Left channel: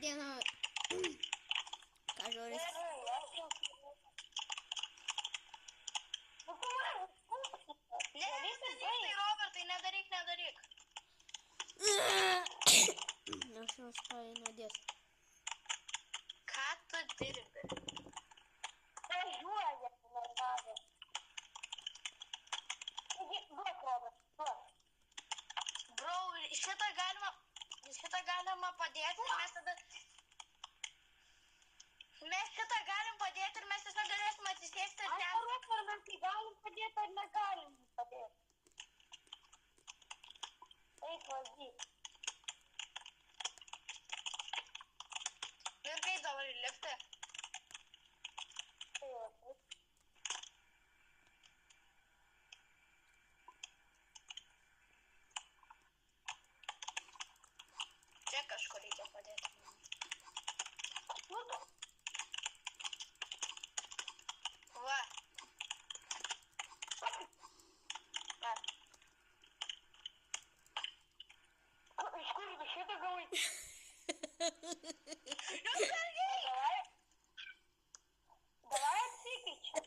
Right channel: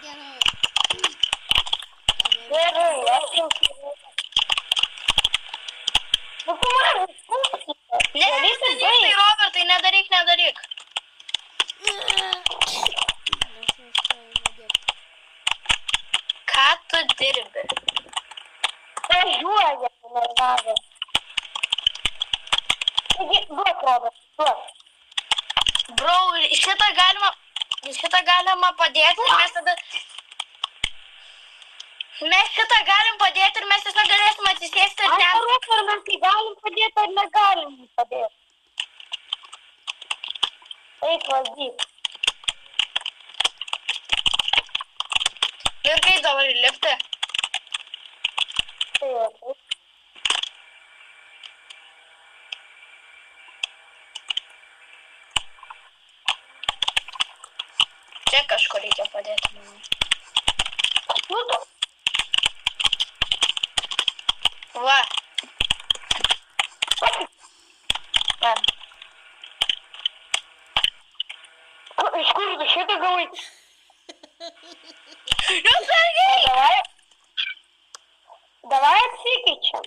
Diena. Gerai, aš jau turiu. Nu, tu man užpūkite. Ne, Robertai, nedaryk. Ką tu dirbi? Važiuoja, nervavė. Taigi, duok, Robert, duok. Bro, šitą galima padėti ir mes tada... Mes šitą galim padėti ir mes tiesiog galėsim atsisėsti ir ten... Aš paruok, ar mes tai galim padėti, ar negalim padėti. Eik, valdyk. Ir kaip dabar lipti? Tai jau, taip. Čia kažko reikia padėti. Va. Iš kur tu šitą gavai? Jūs sargiai! Davai atsikeičiam.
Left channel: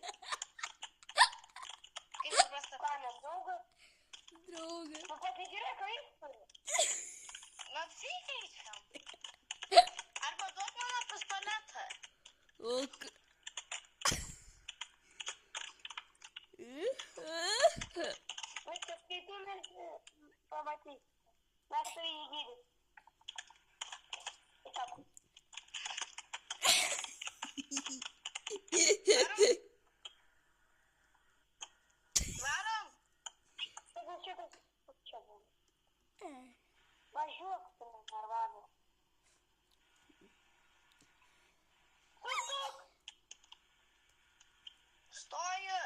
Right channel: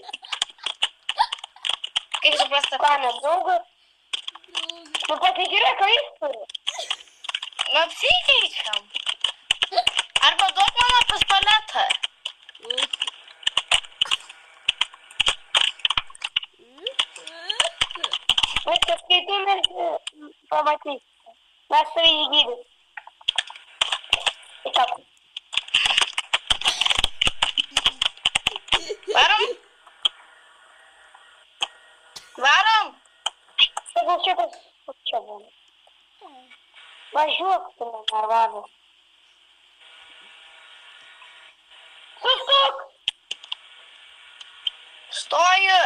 Kaip suprasta? Ką, nedraugas? Nu, pasižiūrėk, ką jis turi. Nu, apsikeičiam. Arba duok mano pistoletą. Viskas, kai tu mes pamatysime. Mes tave įgydys. Tiesiog. Varom? Varom? Tegul šitas čia būna. Važiuok tu, nervavęs. Sustok! Stoju.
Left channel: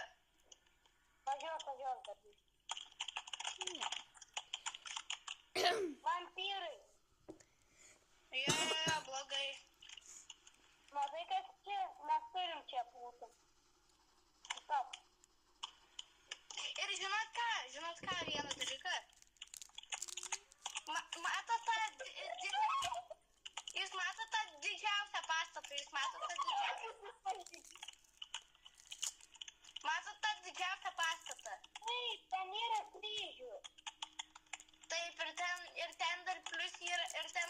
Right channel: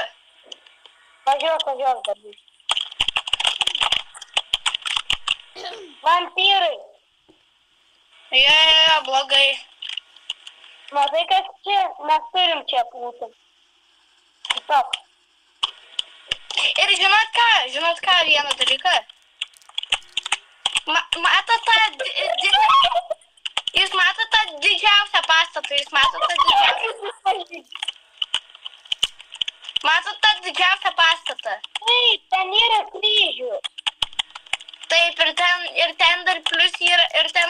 Važiuok, darbys. Vampyrai. Jo, blogai. Matai, kas čia? Mes turim čia būti. Tiesiog. Ir žinot ką vieną dalyką? Matot tą... Jūs matot tą didžiausią pastatą, Matot tą didžiausią pastatą? Taip, ten yra kryžius. Taip, ir ten dar plius yra, ir ten